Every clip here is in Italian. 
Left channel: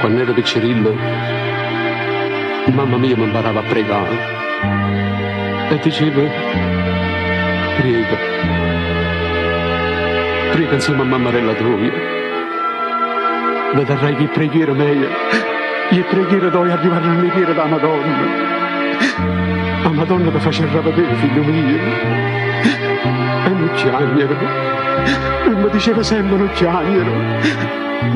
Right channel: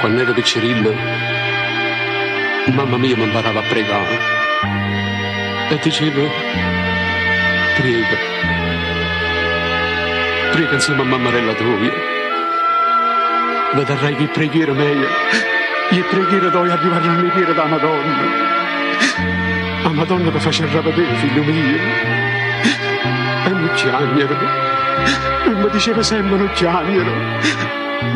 Quando ero piccirillo, mamma mia mi imparava a pregare e diceva: prega, prega insieme a mammarella tua, vedrai che preghiera mia e preghiera dove arrivare all'iniera da Madonna. La Madonna ti faceva vedere, figlio mio, e non chiagnero, e mi diceva sempre non chiagnero,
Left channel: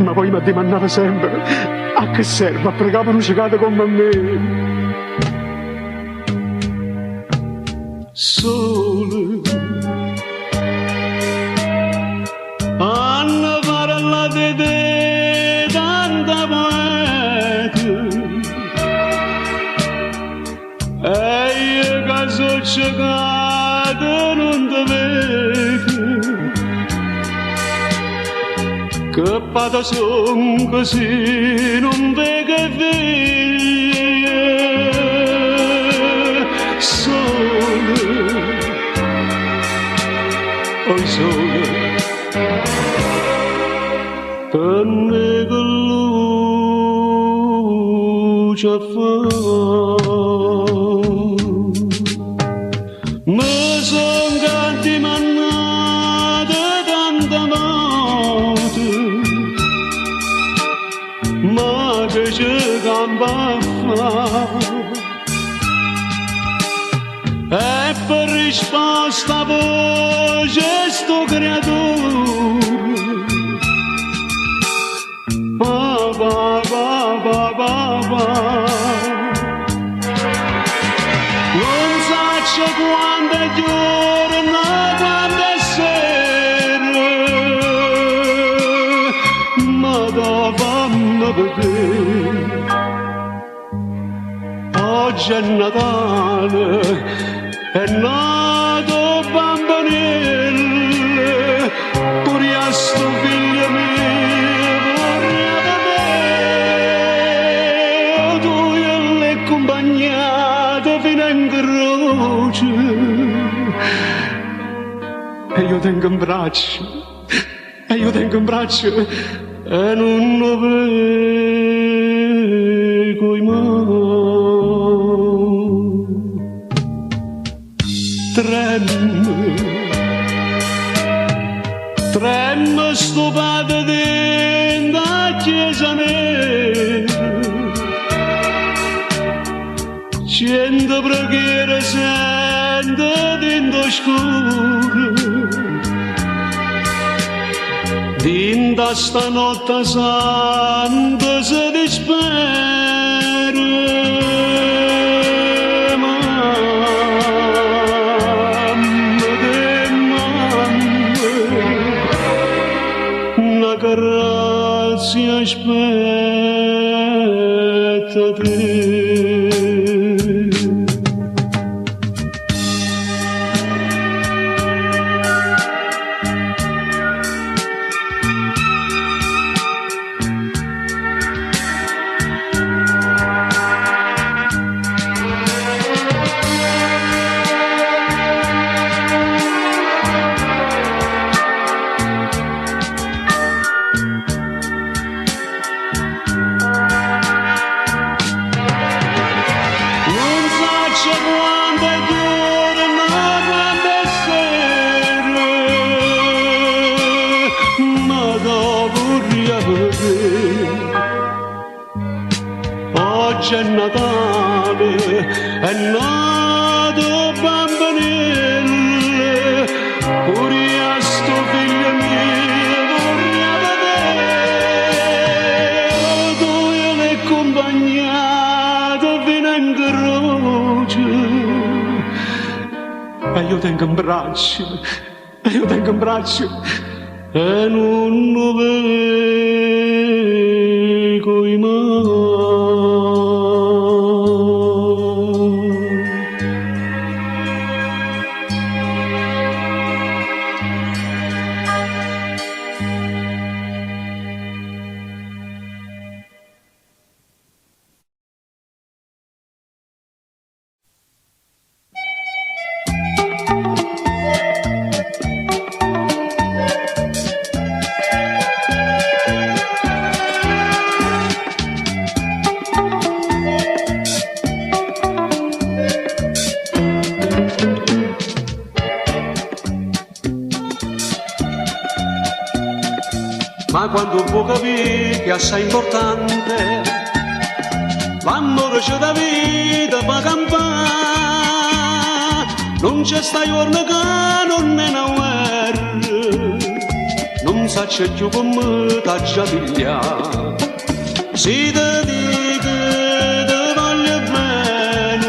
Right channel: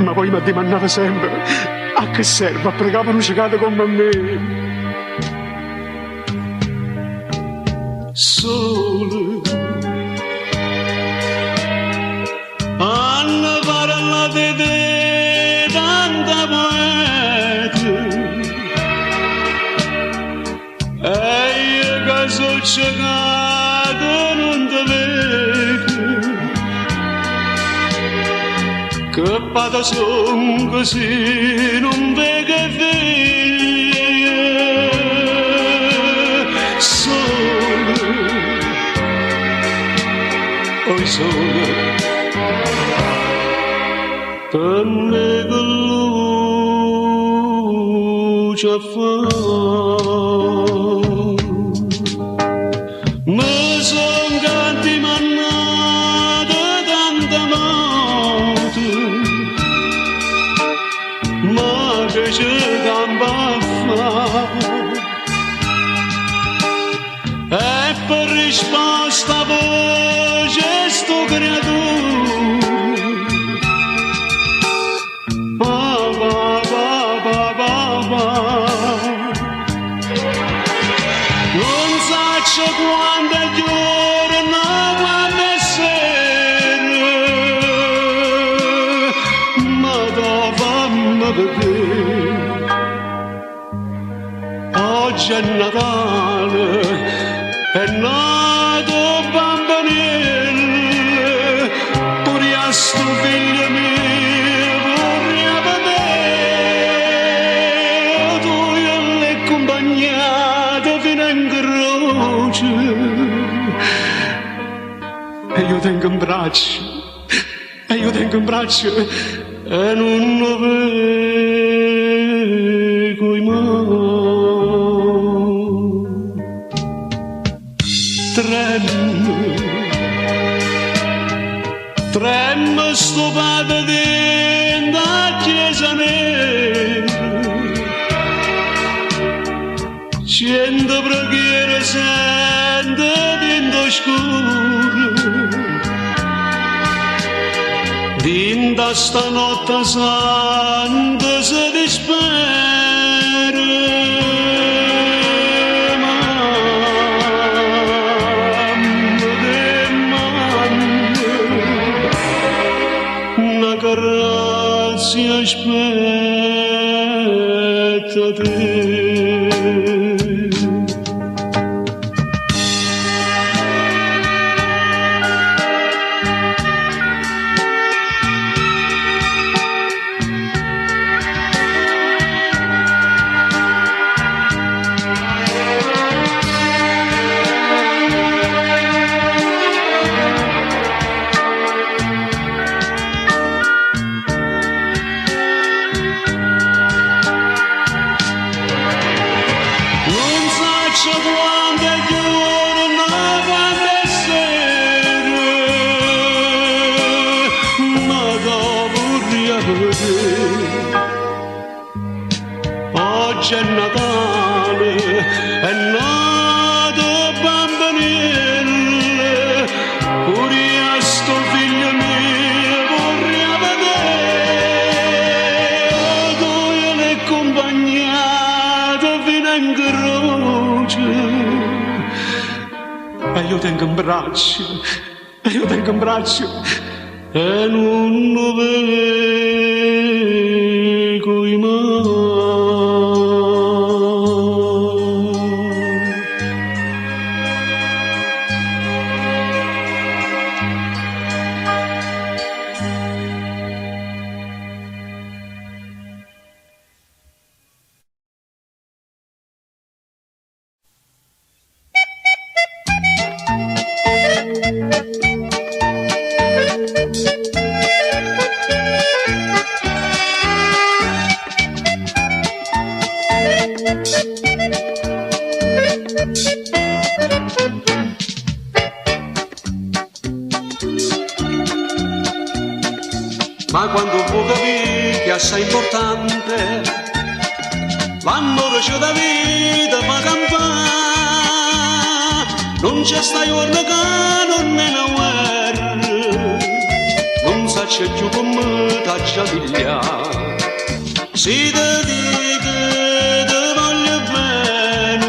ma poi mi domandava sempre a che serve a pregare una cicata come me. Sole hanno parlato di tanta poeta e io che sono ciecato non ti vedo, che pata son così non vedo e vedo. Sole, oi sole, per me che luce fa. Mi son canti mannate tanta morte, ma che c'è campa fa. E per risposta voce sto creatore, ba ba ba ba ba ba. Non saccio quando è giorno, quando è sera, ma dove mi vedere. Oggi è Natale, è nato bambinello, pure a sto figlio mio vorrei vedere, tu e le accompagnate fino in croce, e io tengo in braccio, e io tengo in braccio, e non lo vedo mai. Tremmo sto padre dentro la chiesa nera, 100 preghiere sento dentro scuro, dentro stanotte santa si dispera. Grazia aspetta te. Quando è giorno, quando è sera, ma dopo vorrei vedere. Oggi è Natale, è nato bambinello, pure a sto figlio mio vorrei vedere, tu e le accompagnate fino in croce. E io tengo in braccio, e io tengo in braccio, e non lo vedo mai. ma quando può capire che è assai importante l'amore c'è da vita per campare, non c'è sta giorno che non è una guerra, non sa c'è più come t'accia pigliare, si te dico te voglio bene,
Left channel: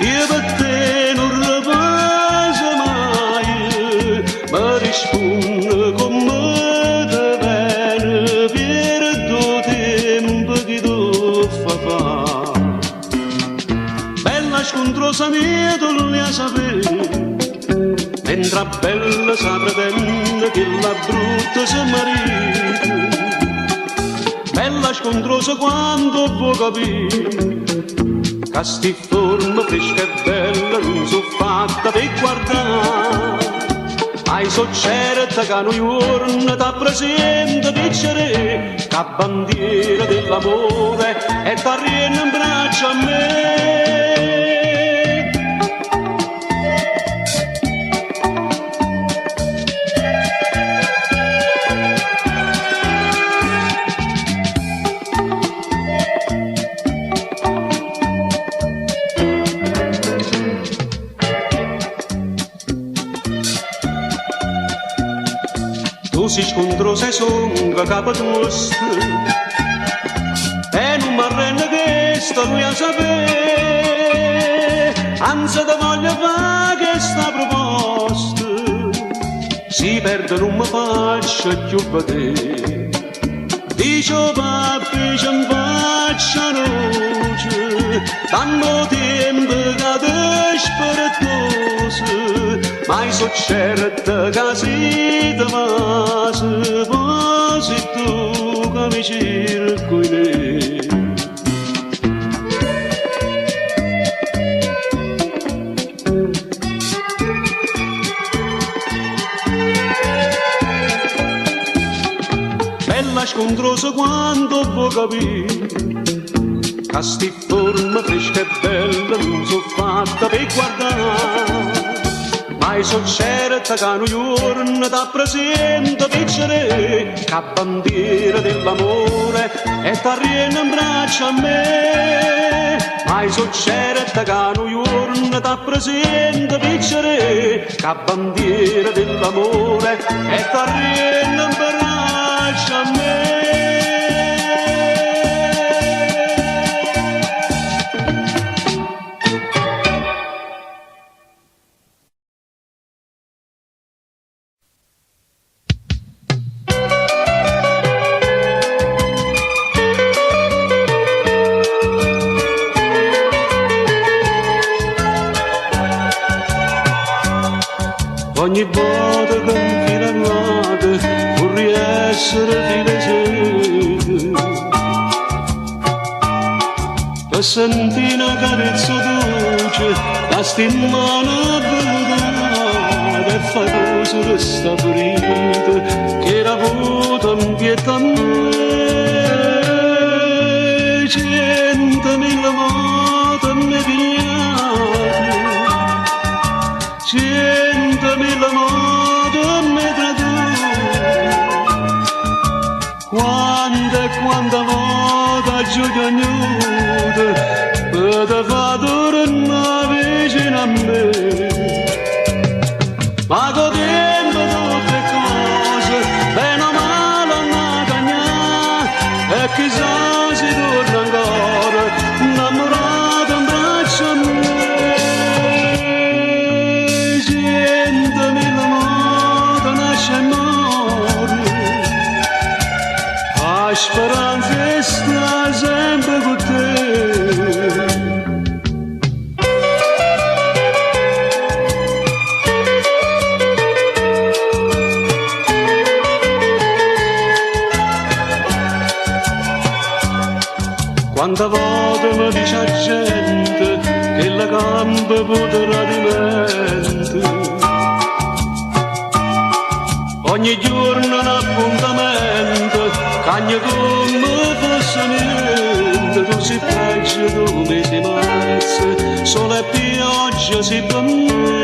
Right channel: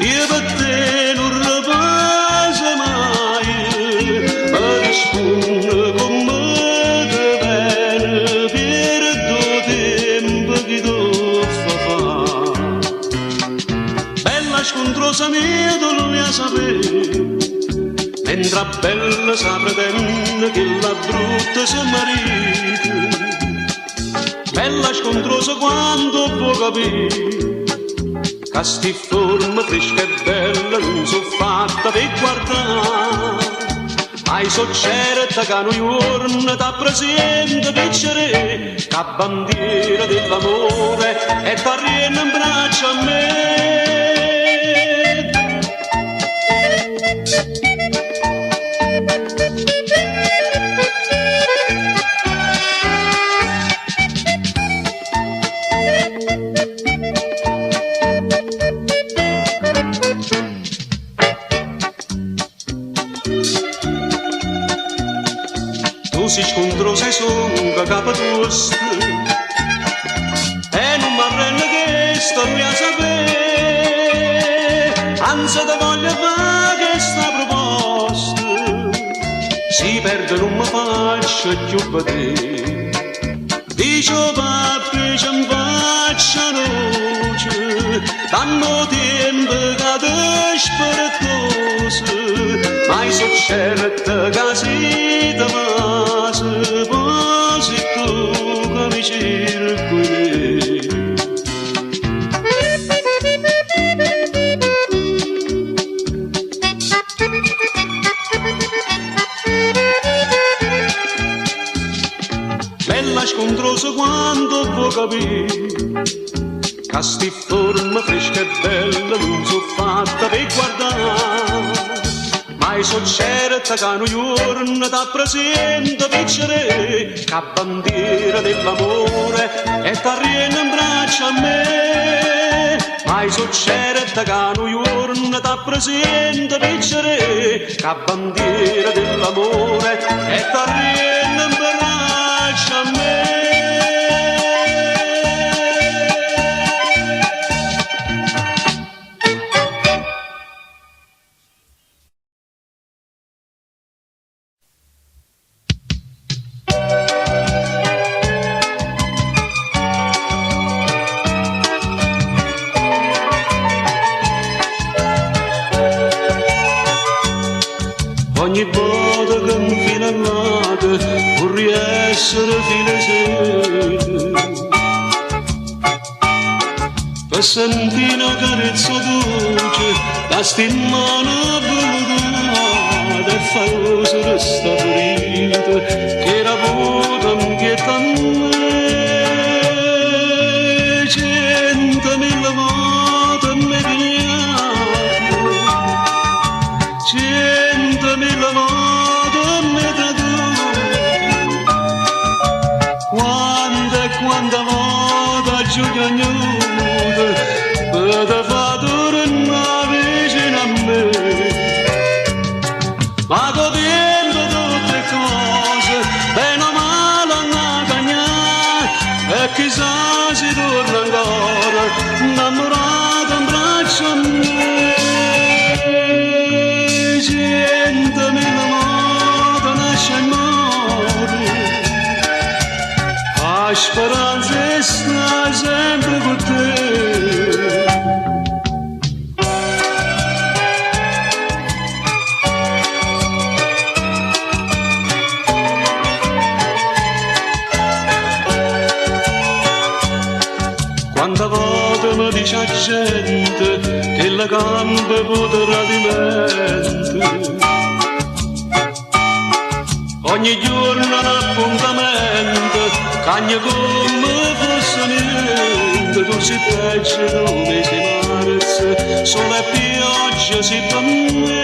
io per te non ripasso mai, per rispondere con me te bene, per due tempo che tu fa fa. Bella scontrosa mia tu non la sapevi, mentre bella sa pretende che la brutta si marita. Bella scontrosa quando può capire che sti forma fresca e bella non so fatta per guardare. Hai so certa che noi giorni ti presenta piacere, che bandiera dell'amore e t'arriena in braccio a me. Si scontrosa e songa capa tosta e non mi arrende che sto lui a sapere, anzi te voglio fare questa proposta, si perde non mi faccio più vedere, dice papi ci mi faccia luce, tanto tempo che te spiritosa, mai so certa che si te masi, posi tu che mi circoli. Bella scontrosa quando può capire che sti forma fresca e bella non so fatta per guardare, mai so certa che noi giorni ti presenta piacere, che bandiera dell'amore e t'arriena in braccio a me. Mai so certa che noi giorni ti presenta piacere, che bandiera dell'amore e t'arriena in braccio a me. Ogni volta che mi fino all'ate vorrei essere felice, per sentire una carezza dolce da stimare velluta e fare questa ferita che era avuta in pietà a me. 100.000 volte mi pigliate, 100.000 volte mi tatuate, quanta volta giù cagnuta per te fa tornare vicino a me. Ma godendo tutte cose, bene o male a cagnare, e chissà si torna ancora innamorato in braccio a me. 100.000 volte nasce e muore, la speranza sta sempre con te. Quante volte mi dice la gente che la gamba potrà di mente, ogni giorno un appuntamento, cagna come fosse niente, tu si peggio, tu mi si marezze, sole e pioggia si promette.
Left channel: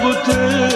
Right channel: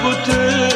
con te.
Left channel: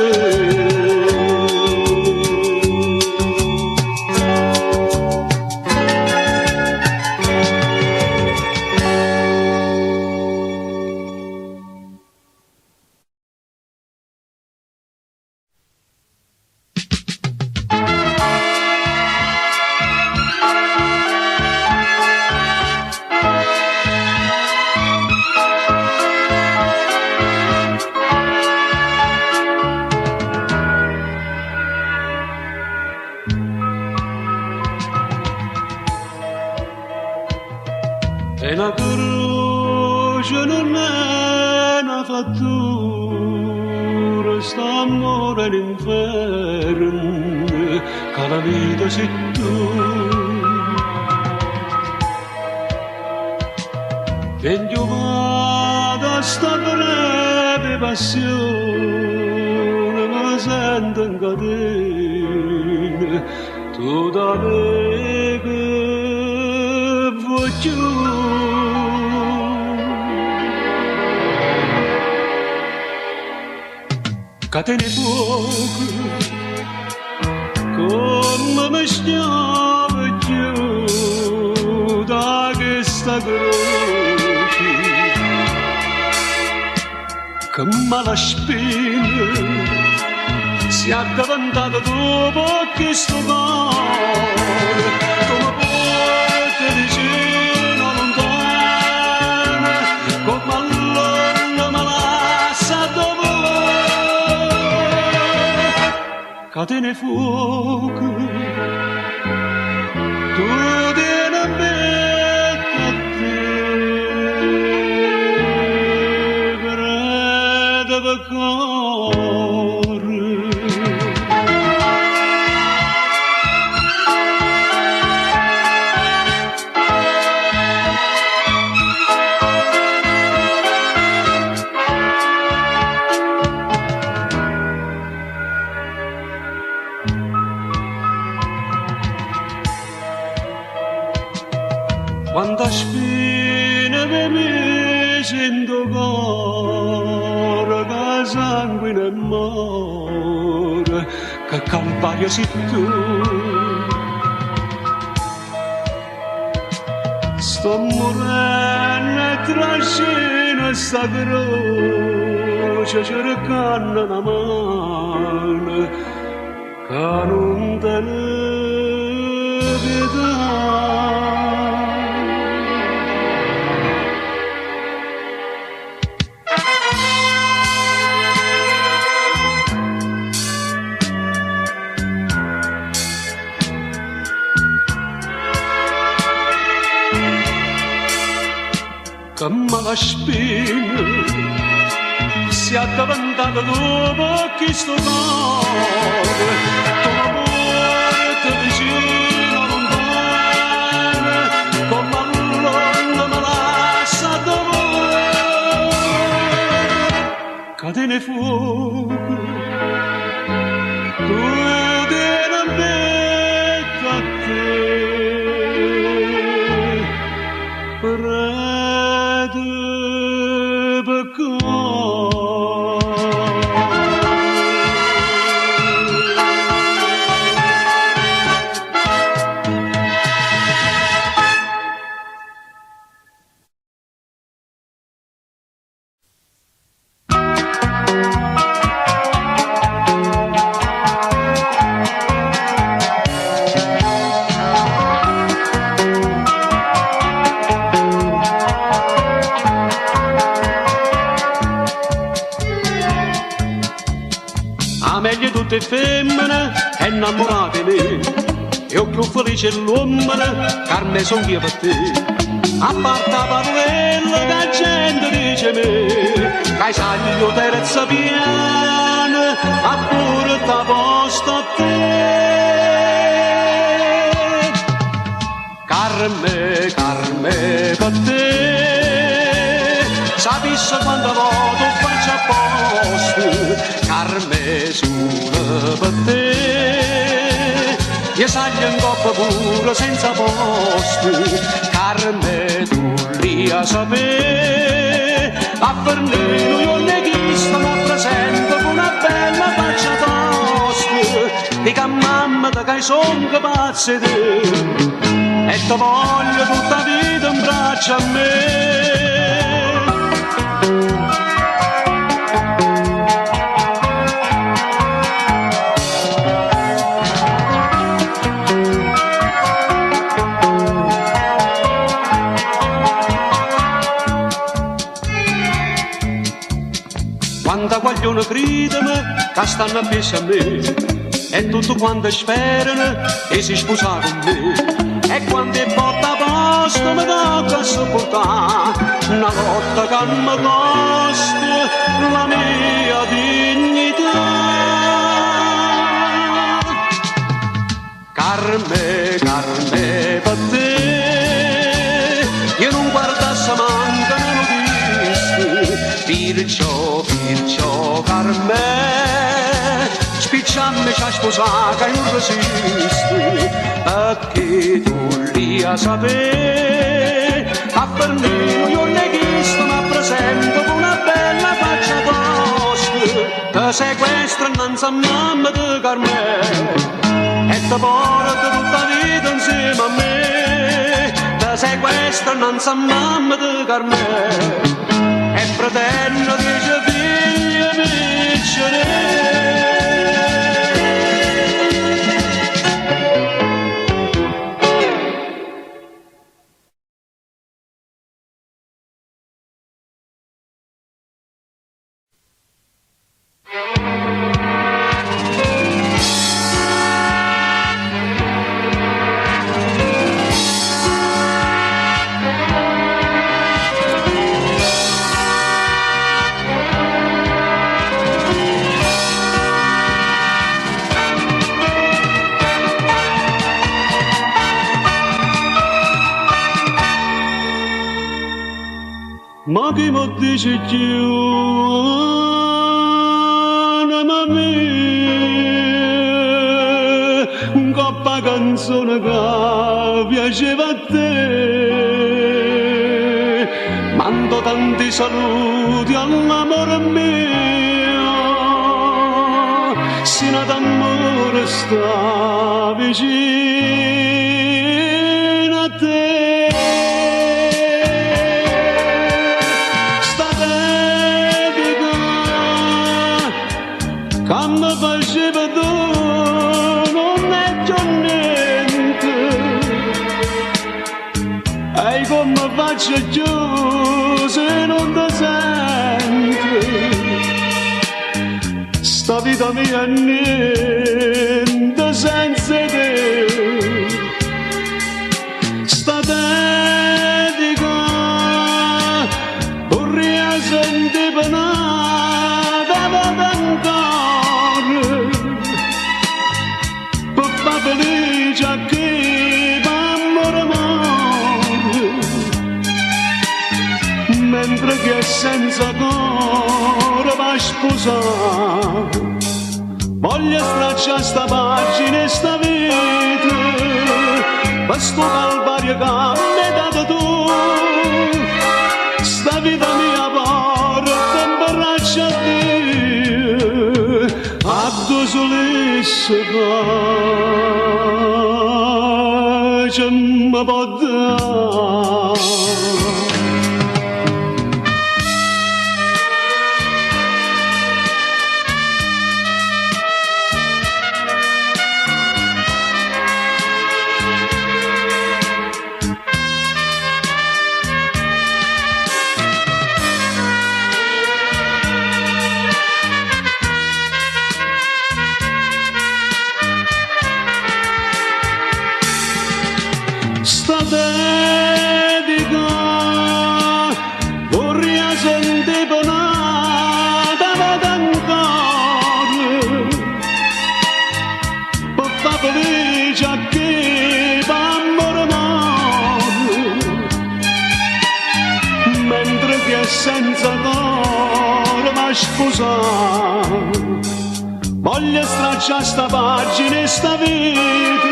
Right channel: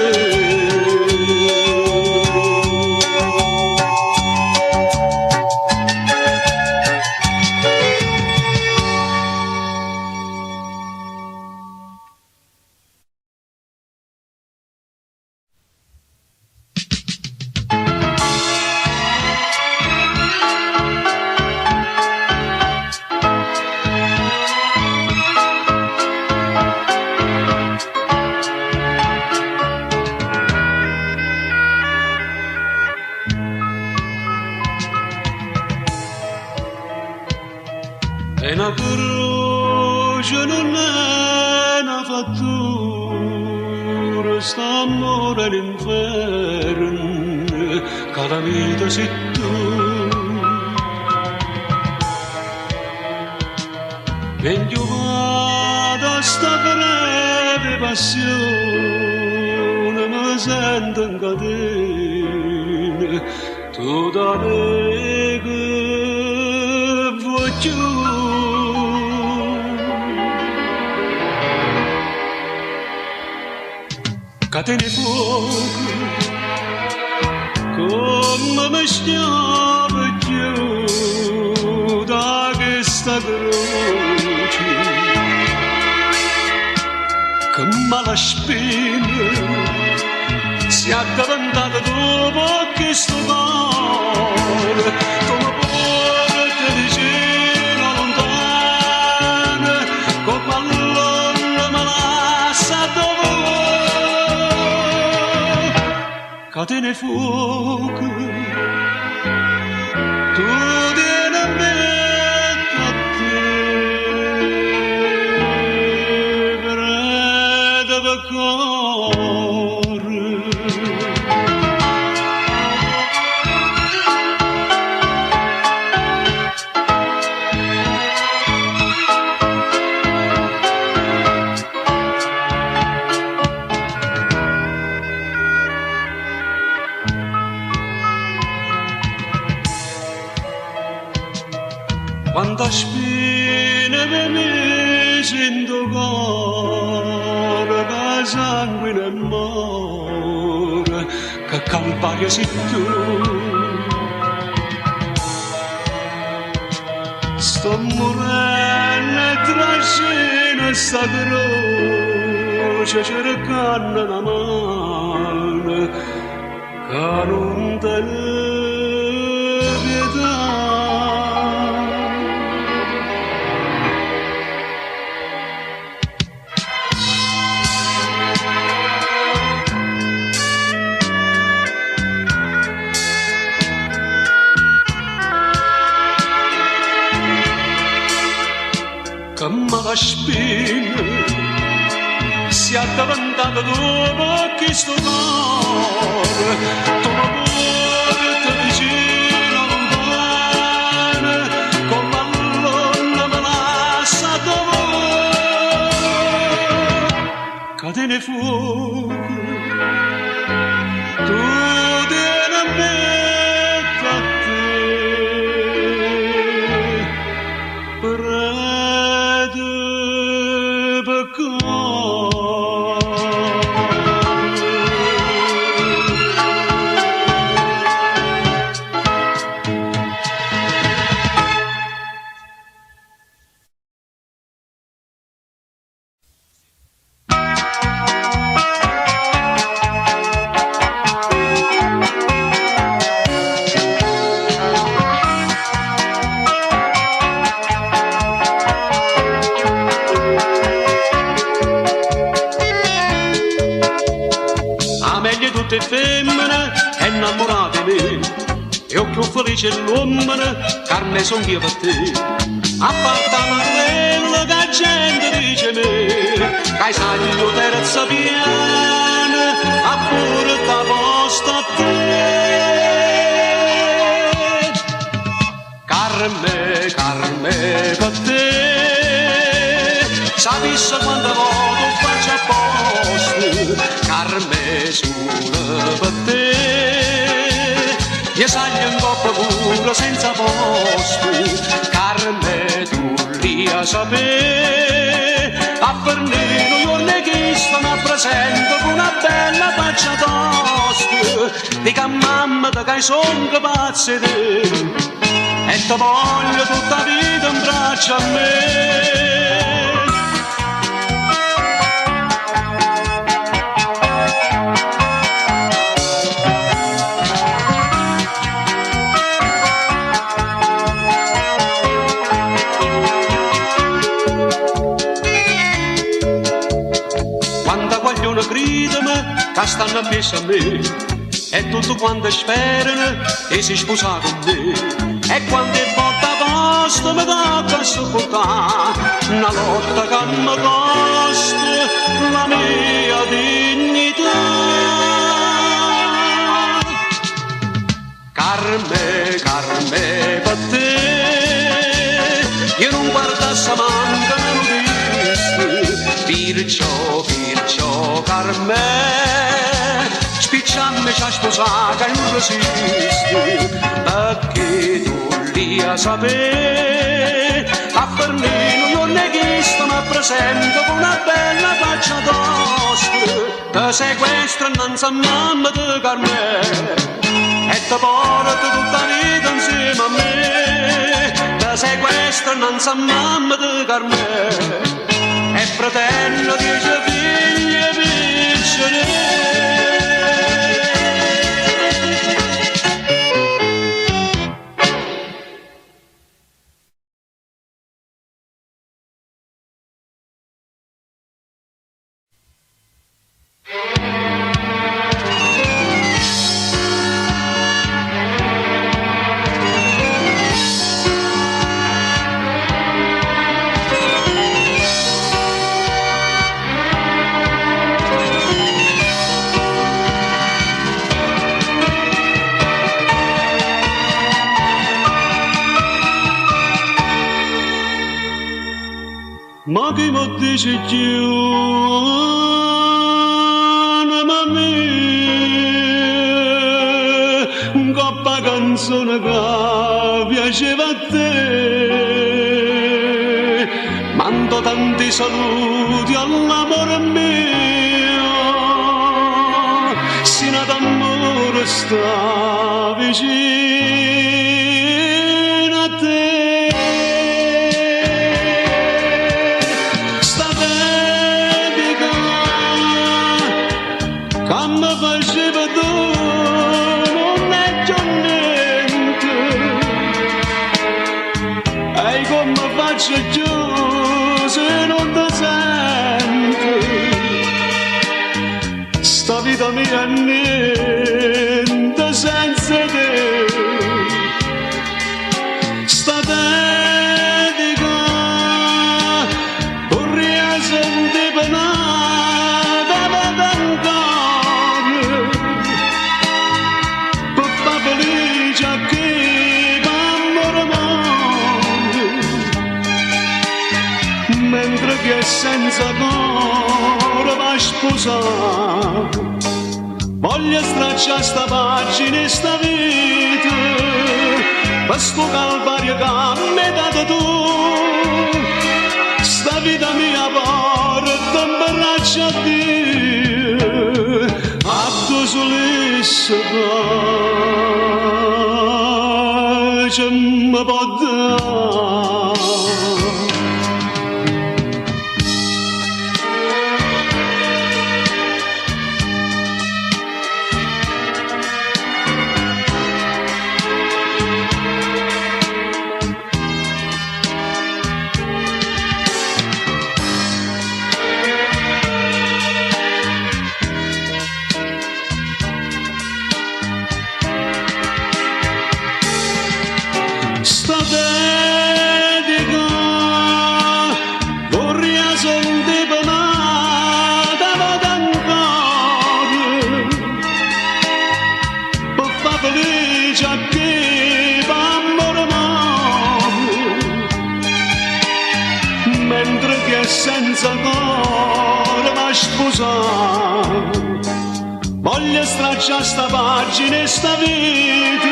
E la croce non è una fattura, sta amore all'inferno, che la vita sei tu. Dentro vado sta breve passione, mi sento in catena, tu da me che voglio. Catene fuoco, come mi stiamo più da questa croce, che mala spina si è addavantata dopo che sto cuore, come porta vicino lontana, come all'onda me lascia dopo. Catene fuoco, tu vieni a me, a te, preda per cuore. Quanta spina per me sento cuore, che sangue nel mare, che campagna sei tu. Sto morendo tra scena e sta croce, cercando una mano, che non te ne pietà. Che mala spina si è addavantata dopo che sto cuore, come porta vicino lontana, come all'onda me lascia dopo. Catene fuoco, tu vieni a me, a te, tutte femmine innamorate di me, io più felice l'uomo, carne son io per te. A parte la parolella che la gente dice me, che hai saglio terza piana, a pure da posta a te. Carme per te, sapessi quando voto faccio a posto, carme solo per te. Io saglio in coppa pure senza posto, carme tu lì a sapere. A Bernino io ne chiesto, ma presento con una bella faccia tosta, dica a mamma che hai son capace di te, e ti voglio tutta la vita in braccio a me. Quando vogliono gridano che stanno appeso a me, e tutto quanto sperano che si sposa con me, e quando è botta posta mi tocca sopportare una lotta che mi costa la mia dignità. Carme, Carme, per te io non guardassi manca perciò, Carme, spizzammi c'ha sposata e non resisti, perché tu lì a sapere, a per me io non è chiesto, ma presento con una bella faccia tosta, che sequestra innanzi a mamma di Carme, e ti porta tutta la vita insieme a me, ti sequestra innanzi a mamma di Carme, e fratello 10 figli piccoli. Ma chi mi dice più, ma me, un coppa canzone che piaceva a te, mando tanti saluti all'amore mio, sino d'amore sta vicino a te. Quando faceva tu non è già niente, e come faccio giù se non ti sento, sta vita mia è niente senza te, sta dedica vorrei sentire penata da felice a chi m'amore mentre chi è senza cuore va a sposare, voglio stracciare sta pagina e sta vita per sto calvario che mi hai dato tu, sta vita mia porta in braccio a Dio, a tu solista pace mi può dare. Sta dedica vorrei sentire penata d'ancora per far felice a chi m'amore mentre chi è senza cuore va a sposare, voglio stracciare sta pagina e sta vita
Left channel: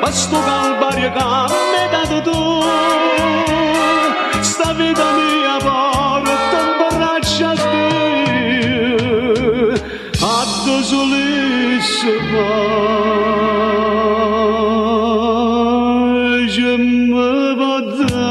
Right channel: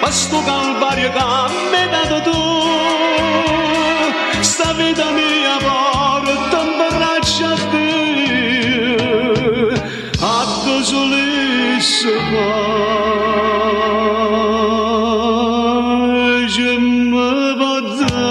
per sto calvario che mi hai dato tu, sta vita mia porta in braccio a Dio, solesse fare, je me vada.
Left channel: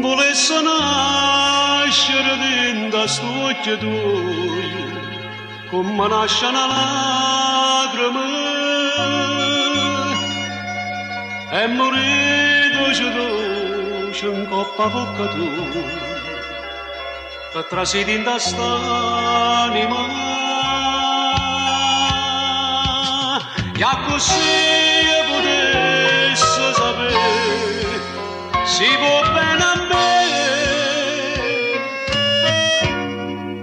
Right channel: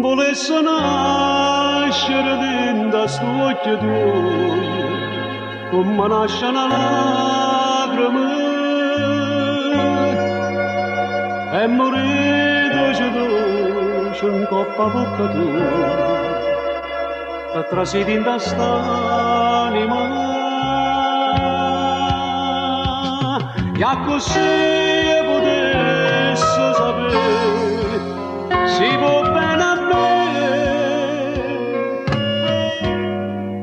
Volesse nascere dentro sto occhio tuo, come nasce una lacrima, e morire dolce in coppa a bocca tua, per trasidi in quest'anima. E così potesse sapere, si può bene a me,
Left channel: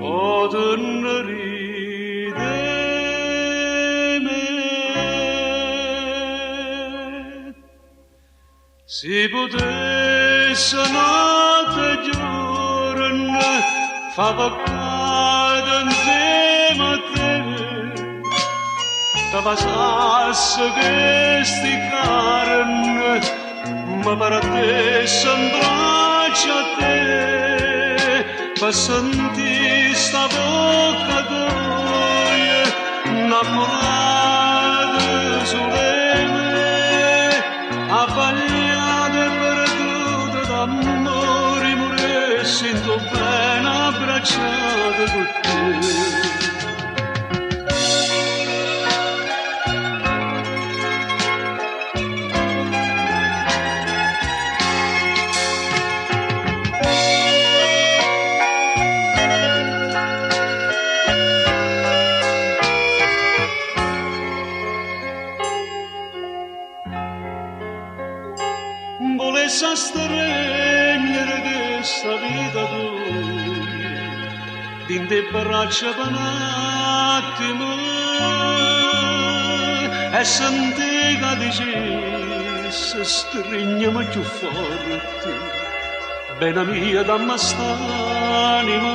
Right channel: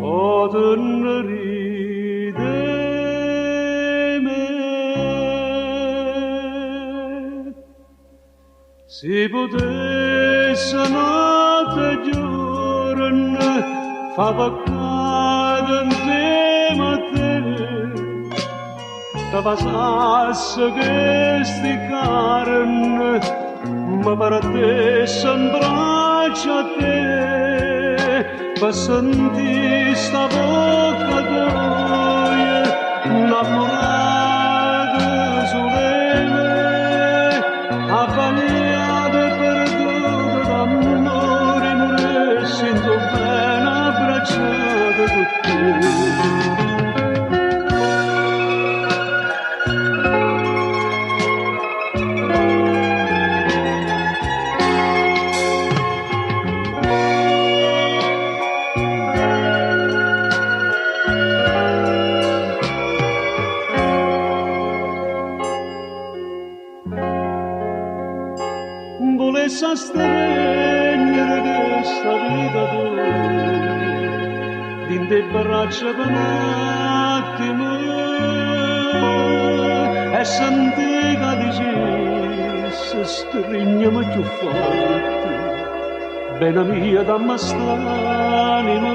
o tenerì di me. Si potesse notte e giorno fa peccato insieme a te, ti passasse questi carne, ma per te s'abbraccia a te, per sentire sta bocca tua, innamorata solene, abbagliata e perduta d'amore, morire sento bene abbracciata con te. Volesse stregnere questa vita tua dentro le braccia per un attimo e sentì che dicesse stringiami più forte, bene mia dammi st'anima,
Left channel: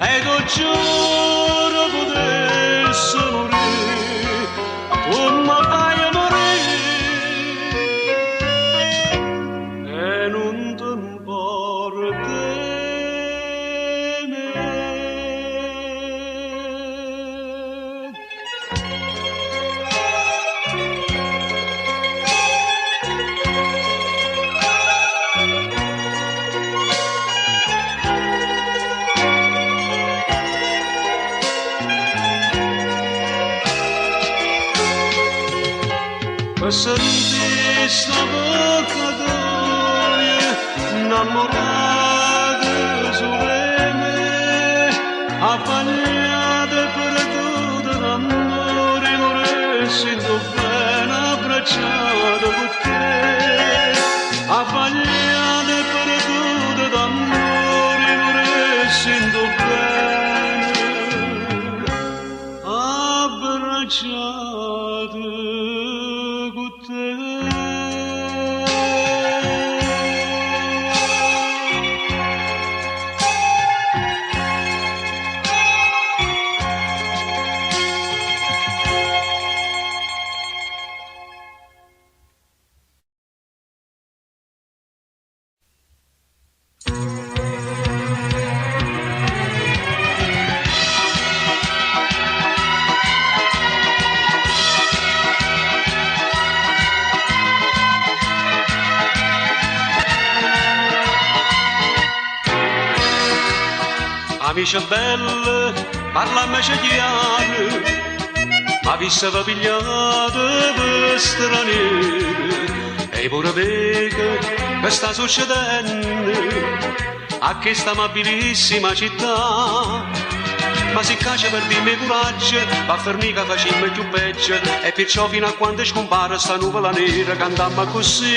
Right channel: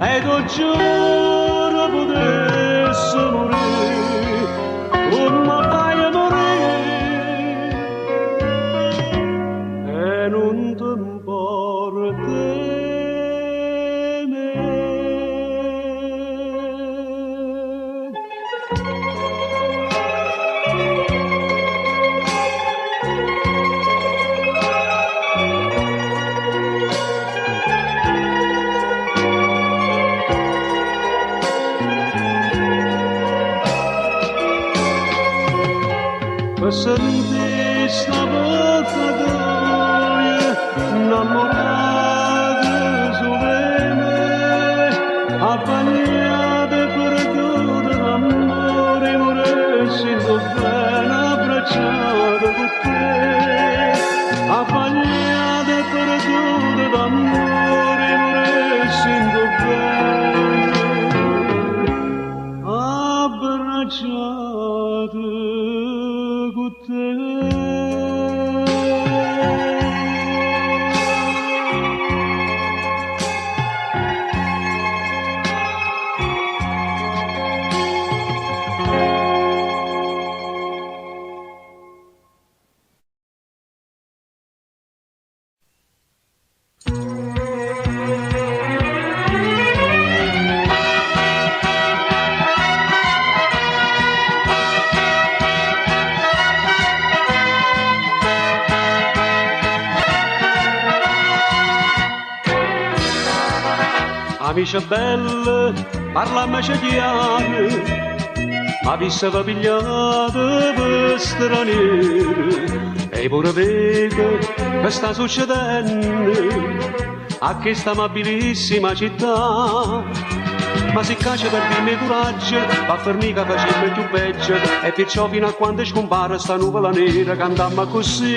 e che giuro potesse morire come fai a morire. Non ti importa me. Per sentire sta bocca tua, innamorata solene, abbagliata e perduta d'amore, morire sento bene abbracciata con te, abbagliata e perduta d'amore, morire sento bene abbracciata con te. amici belli, parlamici chiaro, ma vi stava pigliato per stranieri, e pure vega che sta succedendo a questa amabilissima città. Ma si caccia per dirmi coraggio, va a formica facciamo più peggio, e perciò fino a quando scompare sta nuvola nera cantammo così.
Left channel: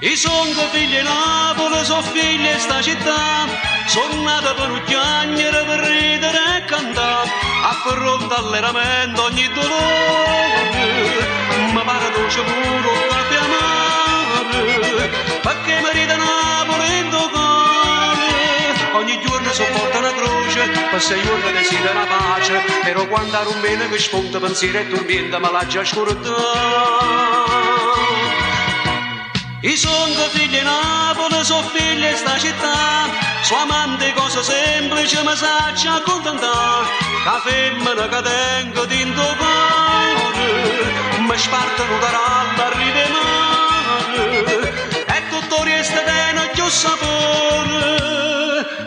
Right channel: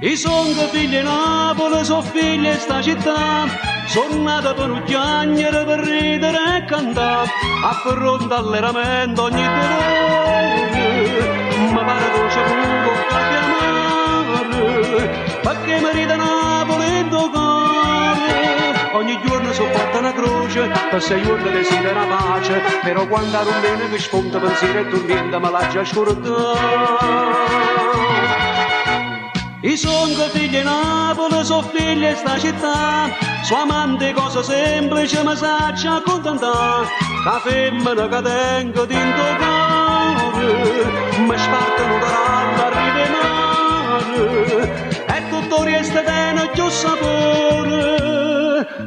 I son che figli di Napoli, sono figli di sta città, sono nata per un chiagnere, per ridere e cantare, a fronte all'eramento ogni dolore, ma pare dolce pure a chiamare, perché mi ride Napoli in tuo cuore, ogni giorno sopporta una croce, per 6 giorni desidera pace, però quando ha un bene che spunta pensiero e dormiente me l'ha già scordato. I son che figli di Napoli, sono figli di sta città, sua amante cosa semplice ma sa ci accontentare, che femmina che tengo dentro cuore, mi spartano da ralla a rivemare, e tutto resta bene più sapore,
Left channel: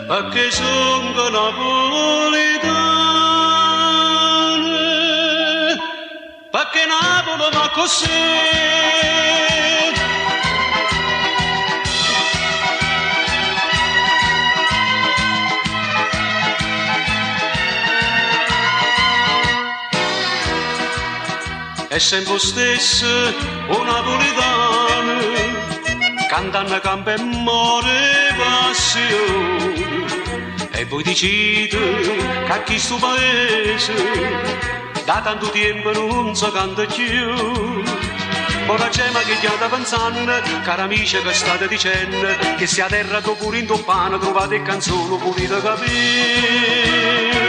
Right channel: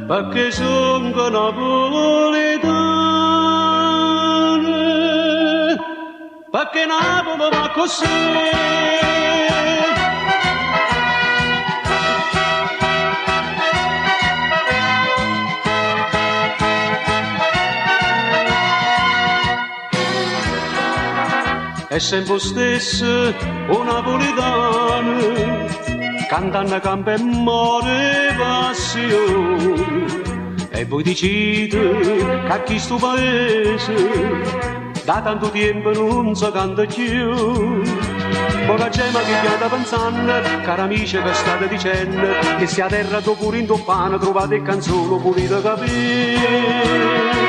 perché son che napoletane, perché Napoli va così. È sempre stesso un napoletano, cantando campo e more passione, e poi decide che a chi sto paese da tanto tempo non si canta più. Poi la gema che chiama pensando, cara amici che state dicendo, che se a terra do pure in toppano trovate canzoni pulite capire.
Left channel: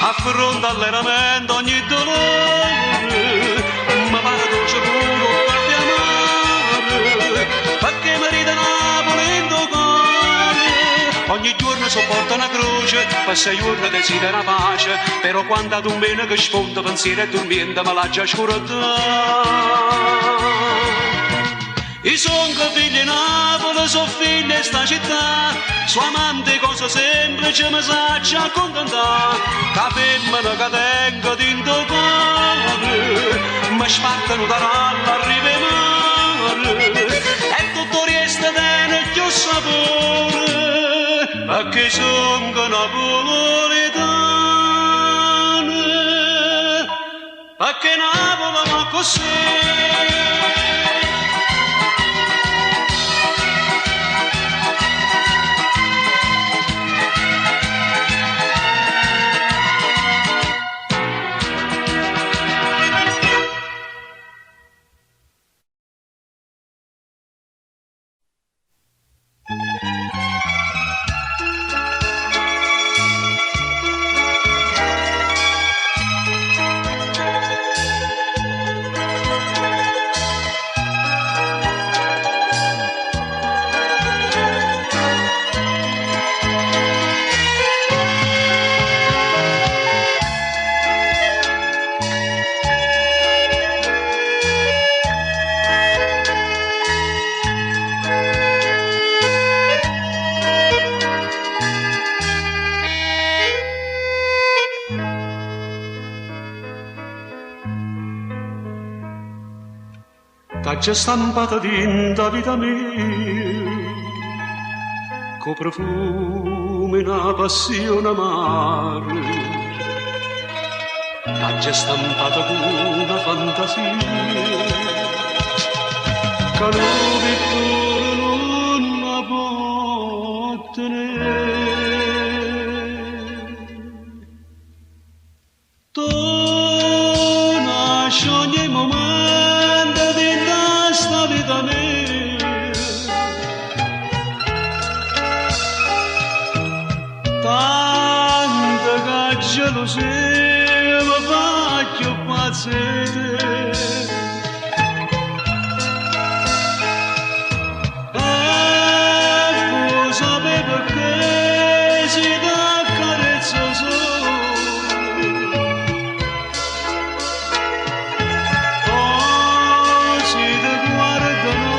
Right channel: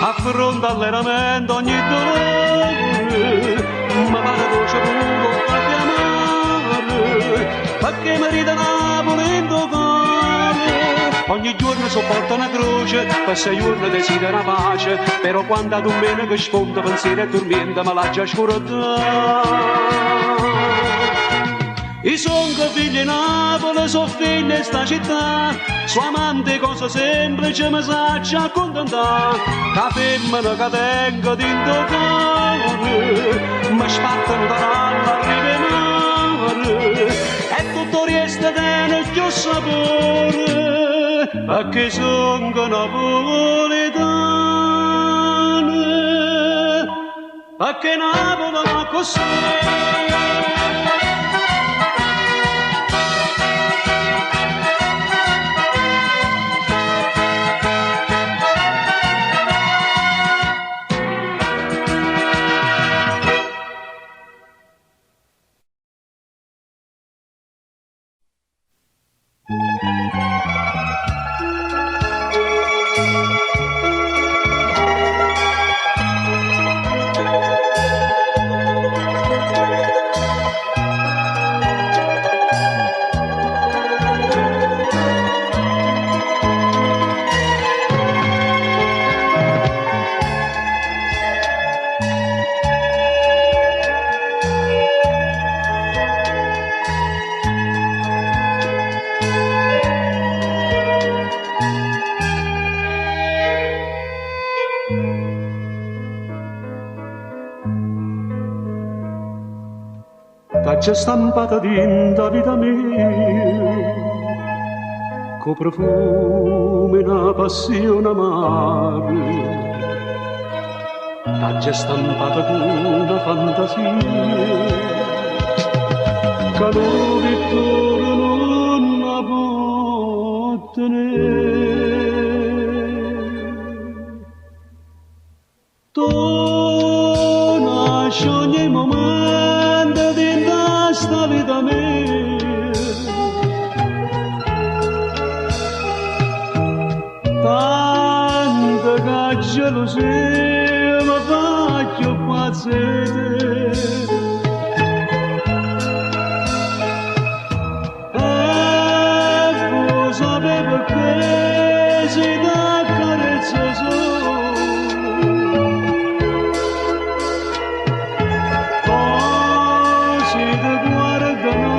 A fronte all'eramento ogni dolore, ma pare dolce pure a chiamare, perché mi ride Napoli in tuo cuore, ogni giorno sopporta una croce, per 6 giorni desidera pace, però quando ad un bene che sfonda pensiero e dormiente me l'ha già scordato. I son che figli di Napoli, sono figli di sta città, sua amante cosa semplice ma sa ci accontentare, che femmina che tengo dentro cuore, mi spartano da ralla a rivemare, e tutto resta bene più sapore, perché son che napoletane, perché Napoli va così. T'ha stampata dinta vita mia, co profumo e una passione amare, t'ha stampata con una fantasia, che lo pittore non può tenere. Tu nasci ogni momento dentro sta vita mia, tanta che gelosia mi fa più pazzere. guardano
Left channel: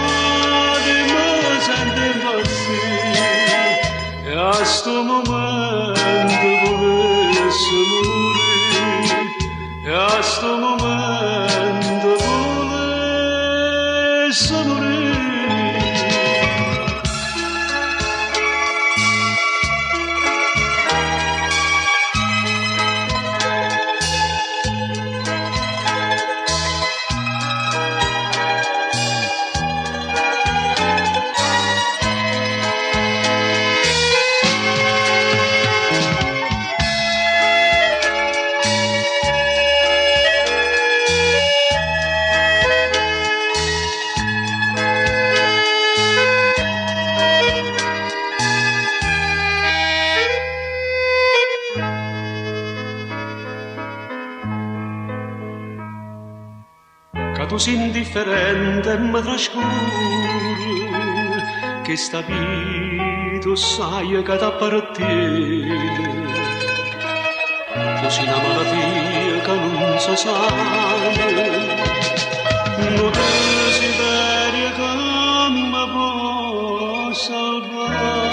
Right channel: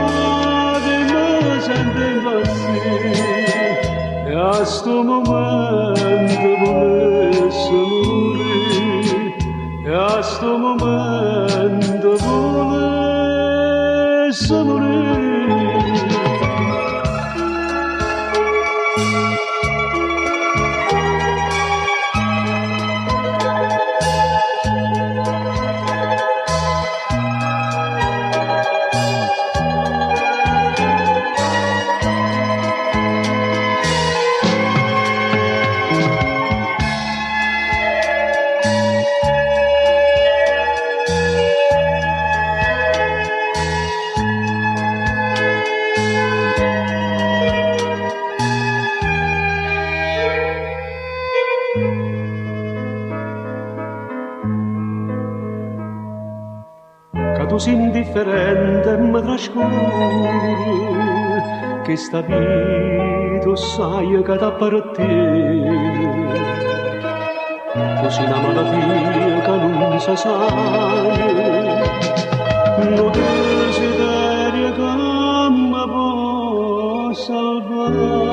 e mi sento impazzire e a sto momento volesse morire e a sto momento volesse morire. Tu sei indifferente e mi trascorre che sta vita sai che t'appartiene. Tu sei una malattia che non si sa, non desiderio che mi può salvare.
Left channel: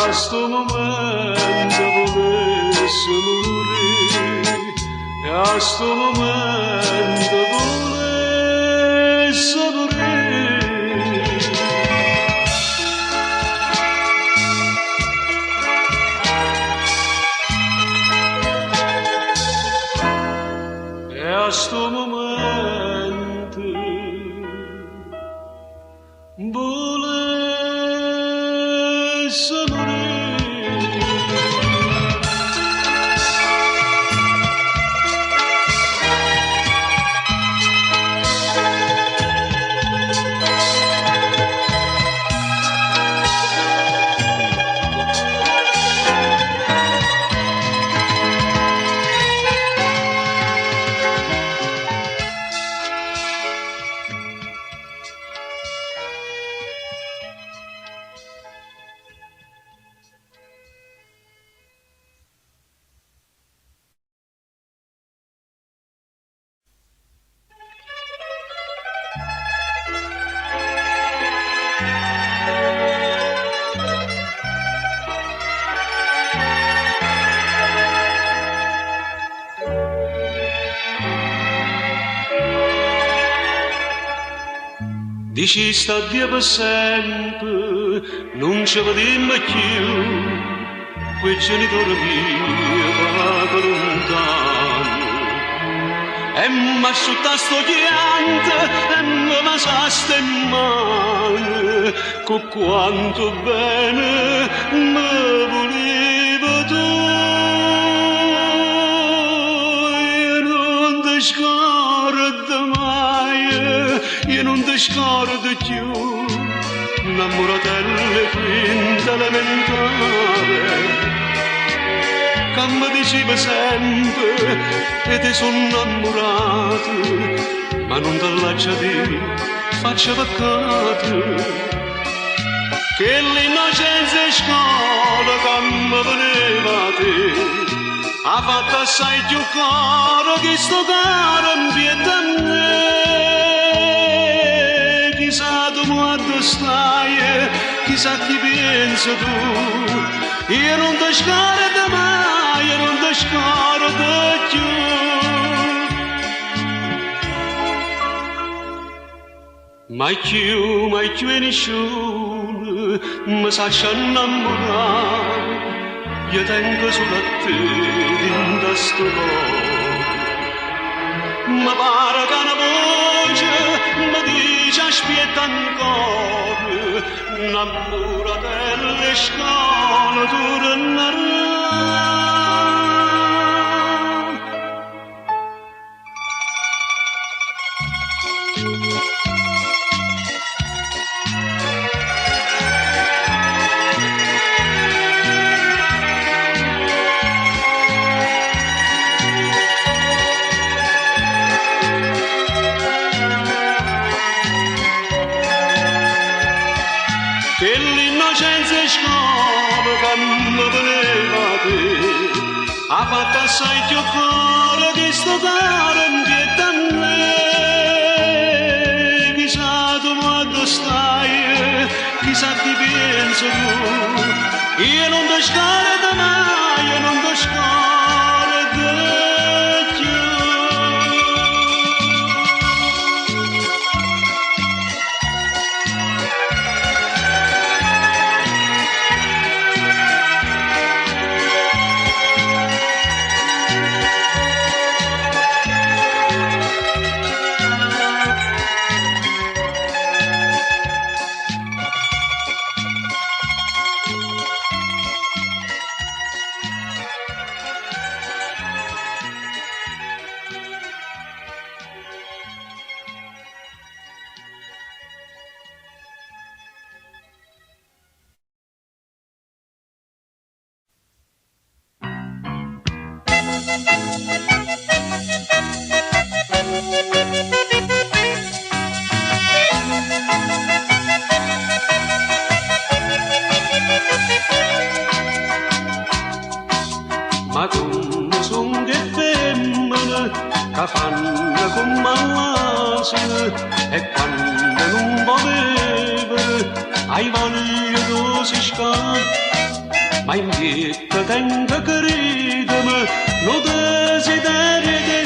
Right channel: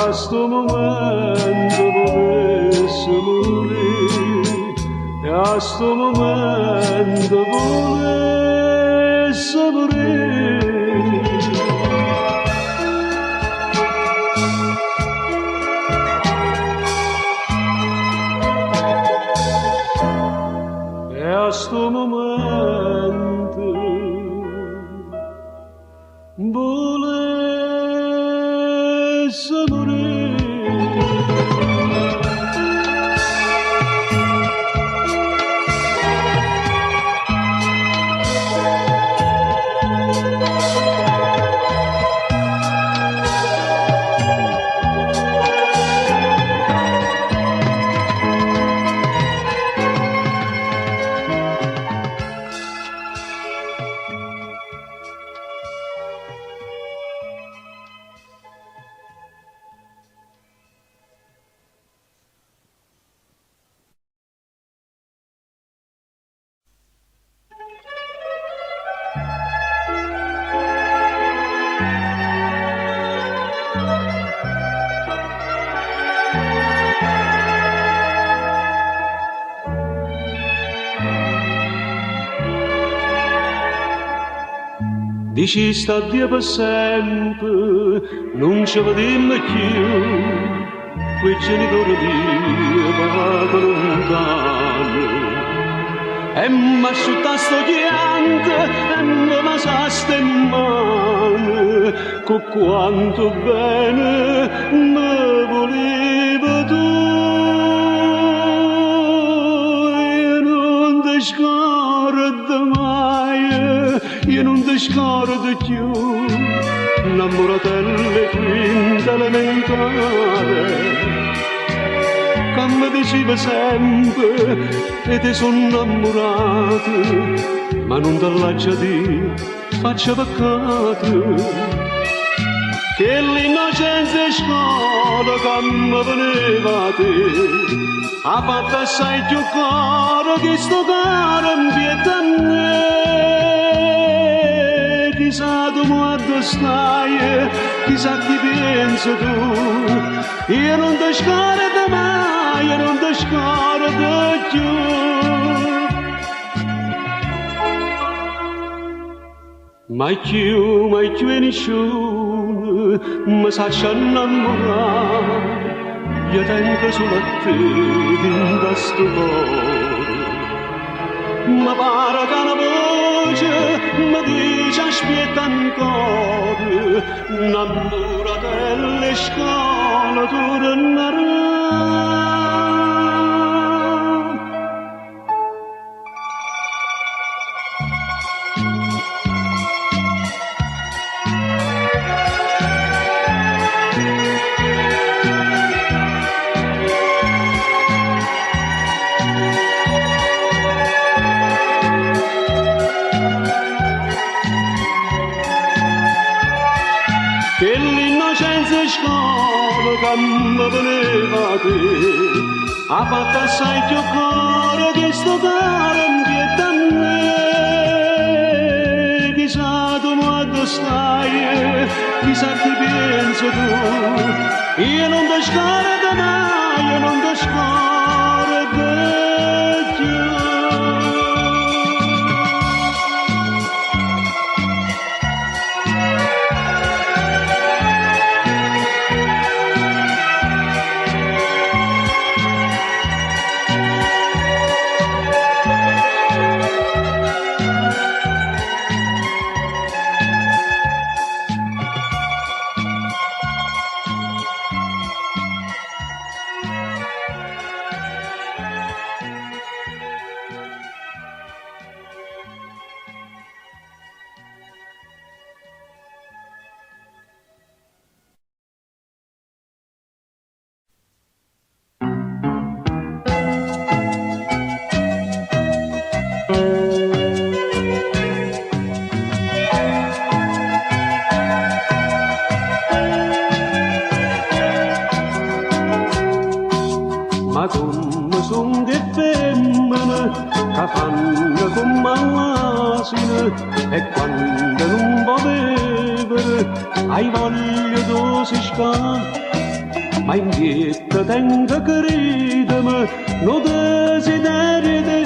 A sto momento volesse morire e a sto momento volesse morire. E a sto momento volesse morire. Dici sta Dio per sempre, non ci vediamo più, quei genitori miei vanno lontano. E mi asciutta sto pianto e mi lasciaste in mano, con quanto bene mi volevo tu. Io non ti scordo mai, io non ti scordo più, innamoratelle quinta elementare, che mi diceva sempre e ti sono innamorato, ma non te lascia dire, faccia peccato, che l'innocenza è scuola che mi veniva a te, ha fatto assai più caro che sto caro in pietà a me. Chissà tu quando stai, chissà chi pensa tu, io non ti scordo mai, io non ti scordo più. Mai più e nessuno mi sa innamorare, io tengo solo a te dentro sto cuore. mi pare che una voce mi dice aspetta ancora, innamora delle scale tornerà. Che l'innocenza scola che mi voleva te, ha fatto assai più cuore che sto caro invietta a me. Chissà tu quando stai, chissà chi pensa tu, io non ti scordo mai, io non ti scordo più. Ma come son che femmine che fanno come all'asino e quando non può bere hai voglia di si scala. Ma in pietta tengo che ridere, non desiderio te,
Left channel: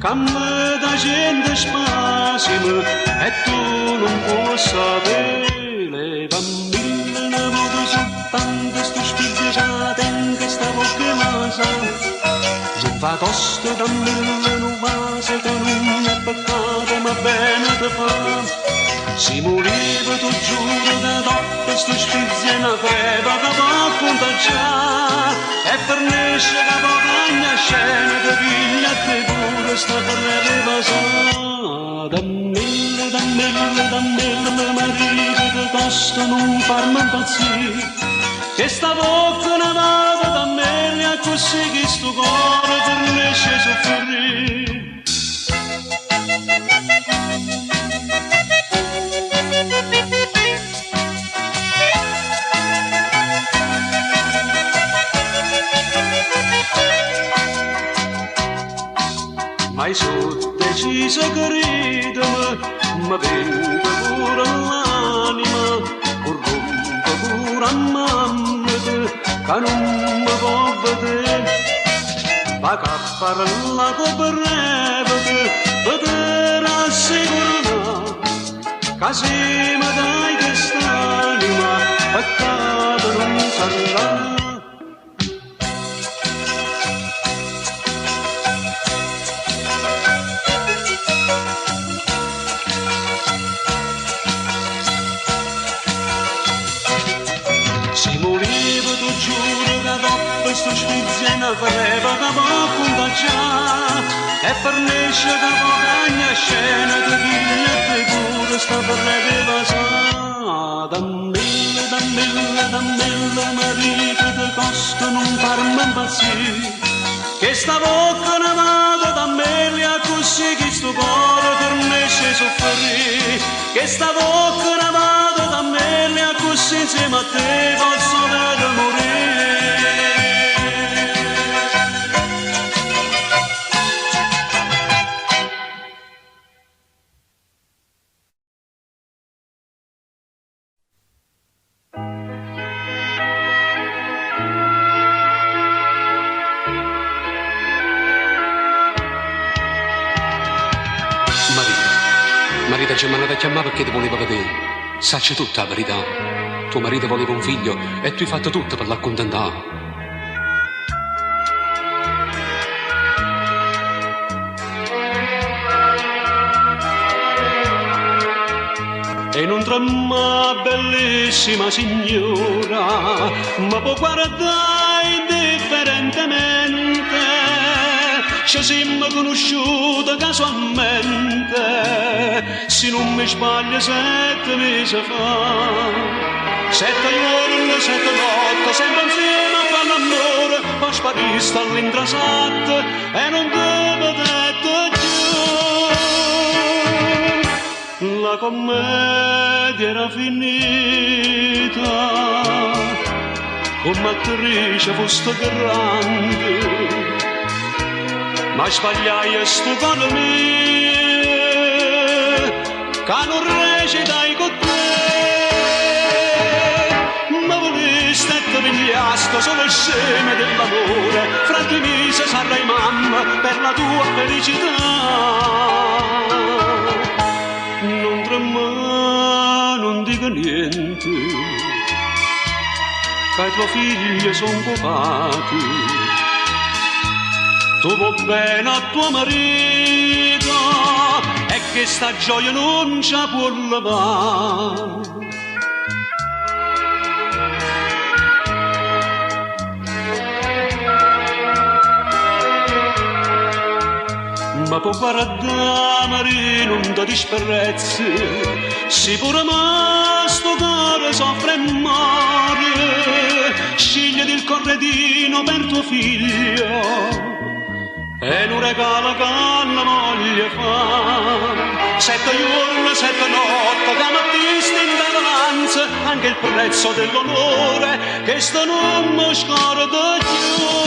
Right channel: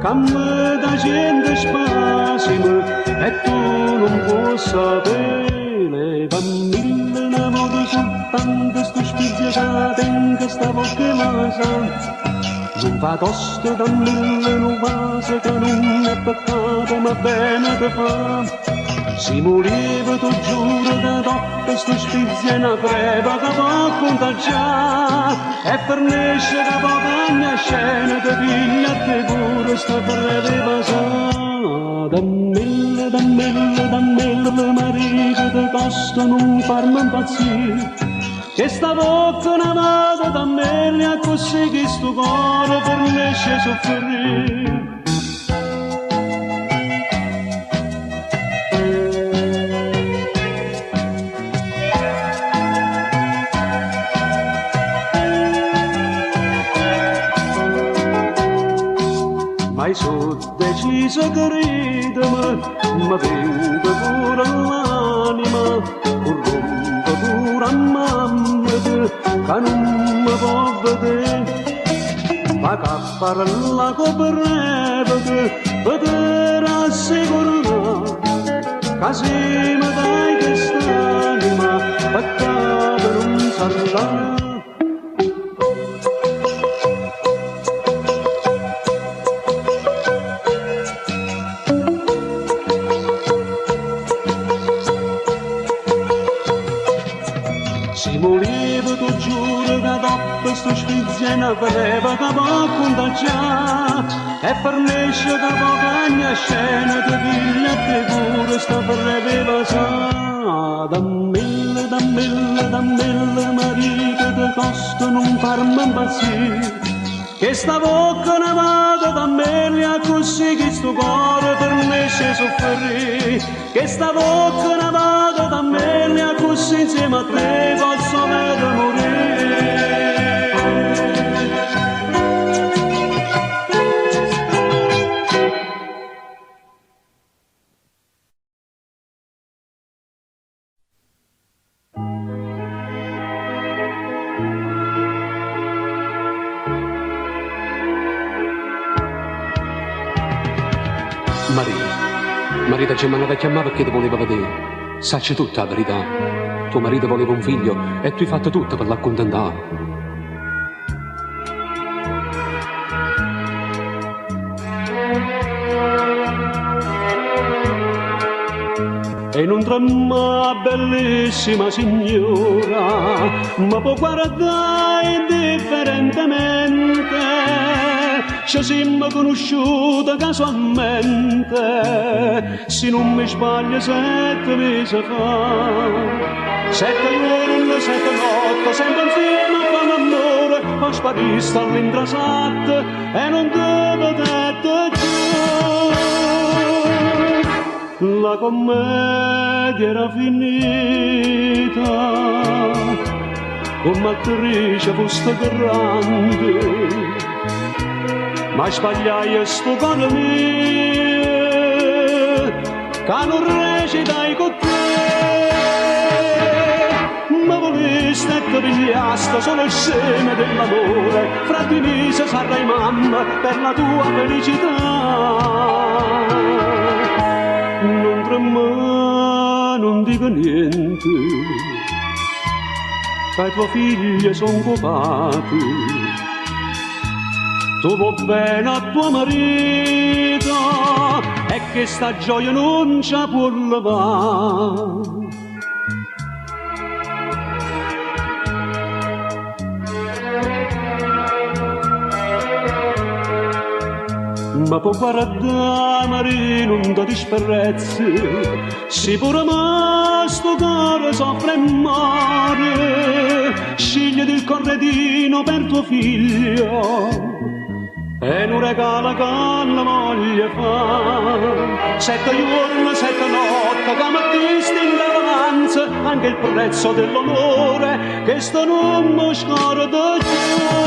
che mi dà gente spasimo e tu non puoi sapere. Le bambine ne voglio soltanto sto spizzicato in questa bocca masana. Non fa tosto da mille nuvase che non è peccato ma bene te fa. Si moriva tu giuro che dopo sto spizia una creva che può contagiare e fornisce che può cagna scena che piglia a te pure sta creva pasata. Da mille marito che costa non farmi impazzire, che sta bocca una vada da me così che sto cuore per nesce soffrire. Ma sono deciso che ridere, ma vengo pure all'anima, corrompo pure a mamma che non mi può vedere. Ma che parla con breve che poter assicurare, che se mi dai quest'anima, peccato non sarà. Si moriva tu giuro che dopo sto spizia una creva che può contagiare e fornisce che può cagna scena che piglia te pure sta breve pasata. Da mille marito che costa non farmi impazzire, che sta bocca una vada da me così che sto cuore fornisce soffrire, che sta bocca una vada da me così insieme a te posso vedere morire. Marita ci ha mandato a chiamare perché ti voleva vedere. Sacci tutta la verità. Tuo marito voleva un figlio e tu hai fatto tutto per l'accontentare. e non trema bellissima signora, ma può guardare indifferentemente, ci siamo conosciuti casualmente, se non mi sbaglio 7 mesi fa. 7 giorni, 7 notti, sempre insieme a fare l'amore, poi sparista all'intrasatto e non te vedete più. La commedia era finita, come attrice foste grande, ma sbagliai sto cuore mio, che non recitai con te. Ma voleste e ti pigliaste solo il seme dell'amore, fra di mise sarai mamma per la tua felicità. Non trema, non dico niente, che i tuoi figli sono copati. Tu vuoi bene a tuo marito e che sta gioia non ci può levare. Ma può guardare, non ti disprezzi, si pure ma sto cuore soffre e muore, scigliati il corredino per tuo figlio e non regala che la moglie fa. 7 giorni, 7 notti, che mattisti in davanza, anche il prezzo dell'onore, che sto non mi scorda più.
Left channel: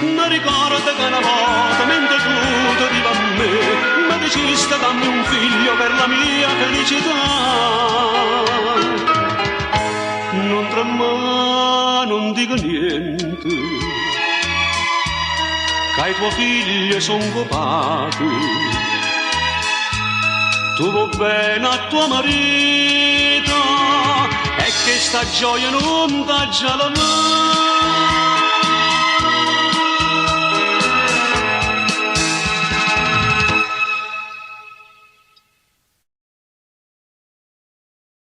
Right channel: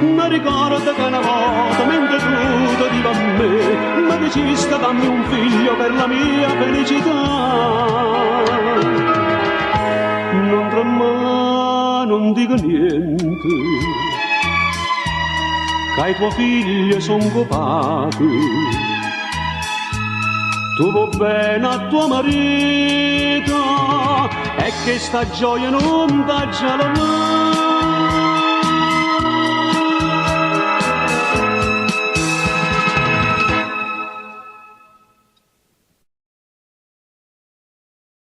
Mi ricordo che una volta, mentre tu ti diva a me, mi dicesti dammi un figlio per la mia felicità. Non trema, non dico niente, che i tuoi figli sono copati. Tu vuoi bene a tuo marito e che sta gioia non t'ha già la mano.